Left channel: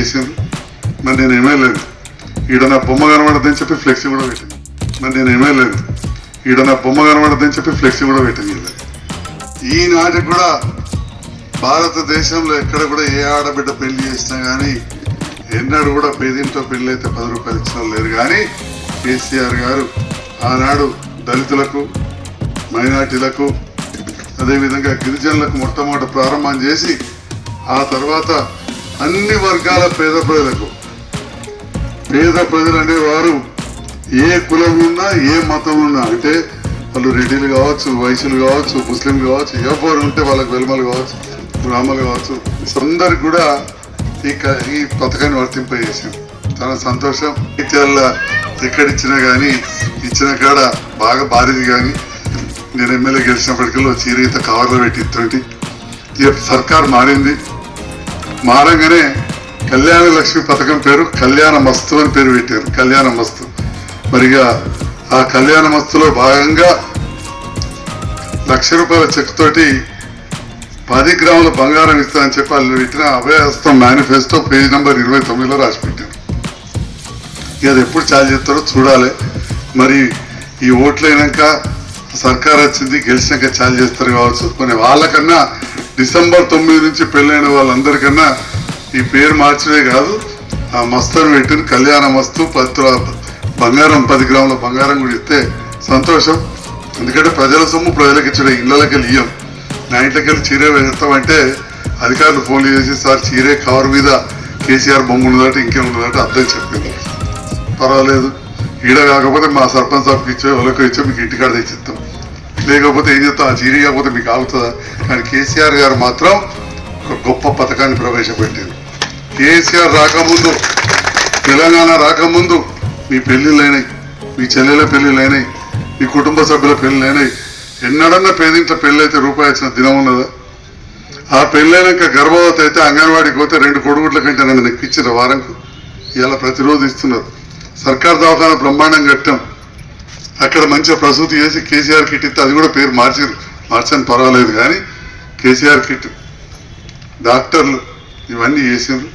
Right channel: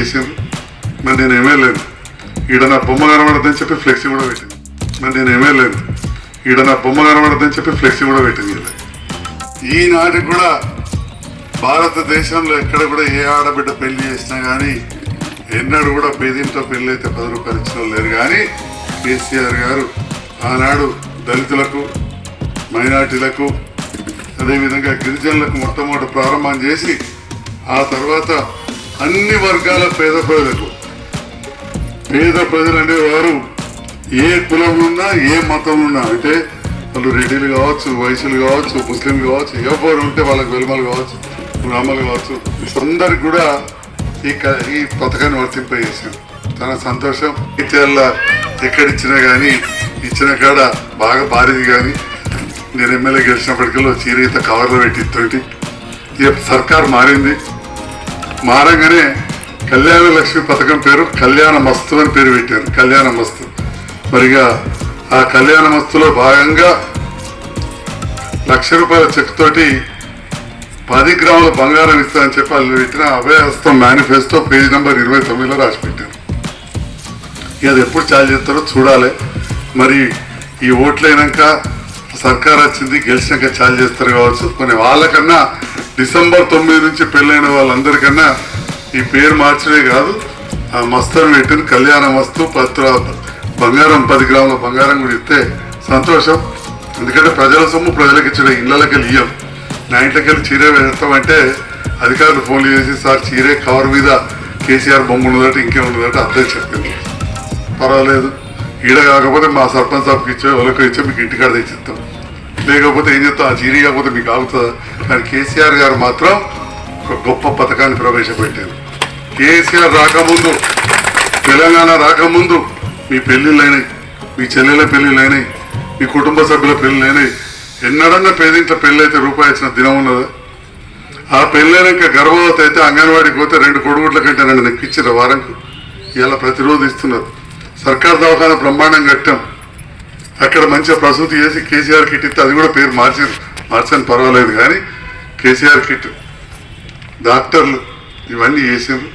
చేసిండ్రు. మరి నేను ఏమేలేదు ఈడ నా బొమ్మ కనబడద్దని చెప్పి ఫ్లెక్సీ కూడా పెట్టింది. మరి నేను ఏమేలేదు ఈడ నా బొమ్మ కనబడద్దని చెప్పి ఫ్లెక్సీ కూడా పెట్టింది ఈనాటికి కూడా భారతదేశంలో ఎక్కడ కూడా ఏ ఆడబిడ్డ పెళ్ళి చేసినా కానీ ఎన్నడూ కూడా పేదింట్లో పెళ్ళి అయితే పది రూపాయలు ఇచ్చిన లేరు. కానీ కేసీఆర్ గారు ఆనాడు దళితులకు మైనార్టీలకు అదేవిధంగా గిరిజనులకు మొట్టమొదటి ప్రారంభం చేసి ఆ తర్వాత అన్ని వర్గాల పేద ప్రజలకు. పేద ప్రజలు అనేవారు ఏ కులం ఉన్నా ఏ మతం ఉన్నా అంటే వాళ్ళు రెడ్డిలు కావచ్చు వైశ్యులు కావచ్చు ముస్లింలు కావచ్చు ఎవరు ఉంటే వాళ్ళకి వెలుమలు కావచ్చు బ్రాహ్మలు కావచ్చు అందరికి కూడా ఈ క- ఈ పథకాన్ని వర్తింపజేసాం చాలా సంతోషం. ఇటీవల ఎక్కడ ఇచ్చినా కానీ ఇచ్చిన కాడ బాగా భారీది కానీ నేను ఎమ్మెల్యే గెలిచినప్పటికల్లా చీరీత కవర్లో పెట్టి ఇక సర్కార్ మారింది. మారంగానే కళ్యాణ లక్ష్మి పథకం పేరు కళ్యాణ మస్తు అని పేరు పెట్టారు. కళ్యాణ మస్తు. మరిగా ఆ కళ్యాణ మస్తులో భాగంగా లక్ష రూపాయల చెక్ తోటి పది గ్రాముల బంగారం ఇస్తానని చెప్పి వాళ్ళు పెట్టిన అభయహస్తం మేనిఫెస్టో పేజ్ నెంబర్ ఇరవై తొమ్మిదిలో రాసి పెట్టారు. ఇక అది ఎప్పుడు ఛార్జ్ చేస్తారో చూడాలి. మరి ఈ ఓట్లు అయినాక సర్కార్ వచ్చింది గెలిచినాక చాలు చేస్తారు కావచ్చు. కొన్ని వాళ్ళకన్నా డిసెంబర్ తొమ్మిది నుంచి పెళ్ళైన వాళ్ళందరికన్నా ఈ పేరు మార్చడే కాదు ఆ మస్తుని పెట్టిన కళ్యాణ మస్తు పత్ర బంగారం పది గ్రాముల బంగారం కూడా ఇస్తే సంతోషం. ఎందుకంటే ప్రజల సొమ్ము ప్రజలకు ఇచ్చిన ఇళ్ళకి ఇయ్యం. నా ఇంట్లోకి వెళ్ళి చీరే వేస్తామంటే అధికారులు ఫోన్లు చేసి సార్ చీరే కవర్ మీద కేసీఆర్ బొమ్మ ఉన్నదట ఇంకేం ఉన్నదట అర్థం చెప్పింది పర్వాలేదు. ఈడ కాకపోతే మా సర్పంచ్ సాబ్కి ఇచ్చే వాళ్ళకి ఇచ్చే మీకు ఇంటికాడ తెచ్చిస్తాం. లేకపోతే ఏం చెప్తా ఆ చీరీ కాకపోతే మీకు ఆగుతుందా? కానీ కేసీఆర్ గారు మాత్రం ఒక గొప్ప పథకాన్ని ప్రవేశపెట్టారు. కేసీఆర్ రాకముందు తెలంగాణ రాకముందు మీ పెళ్ళిళ్ళైనాయి మీ చెల్లెల పెళ్ళిళ్ళైనాయి మీ కుటుంబ సభ్యుల పెళ్ళిళ్ళైనాయి. ఎన్నడన్నా పేదింట్లో పెళ్ళి అయితే రూపాయి ఇచ్చిన దినం ఉన్నదా? ఆ పెళ్ళైనాక గర్భవతి అయితే అంగన్వాడికి పోతే రెండు కొడుగుట్ల కంటే నన్ను నెక్కిచ్చారు వారంకు. ఇలా ప్రతిరోజు ఇస్తున్నారు. సర్కార్ దవాఖాన బ్రహ్మాండం కట్టాం. అక్కడ మంచిగా ప్రసూతి చేసి కేసీఆర్ కిట్ ఇస్తే అది కూడా పేరు మార్చి మార్చని పర్వాలేదు కానీ కేసీఆర్ కిట్ డాక్టర్లు ఇవన్నీ చేసారు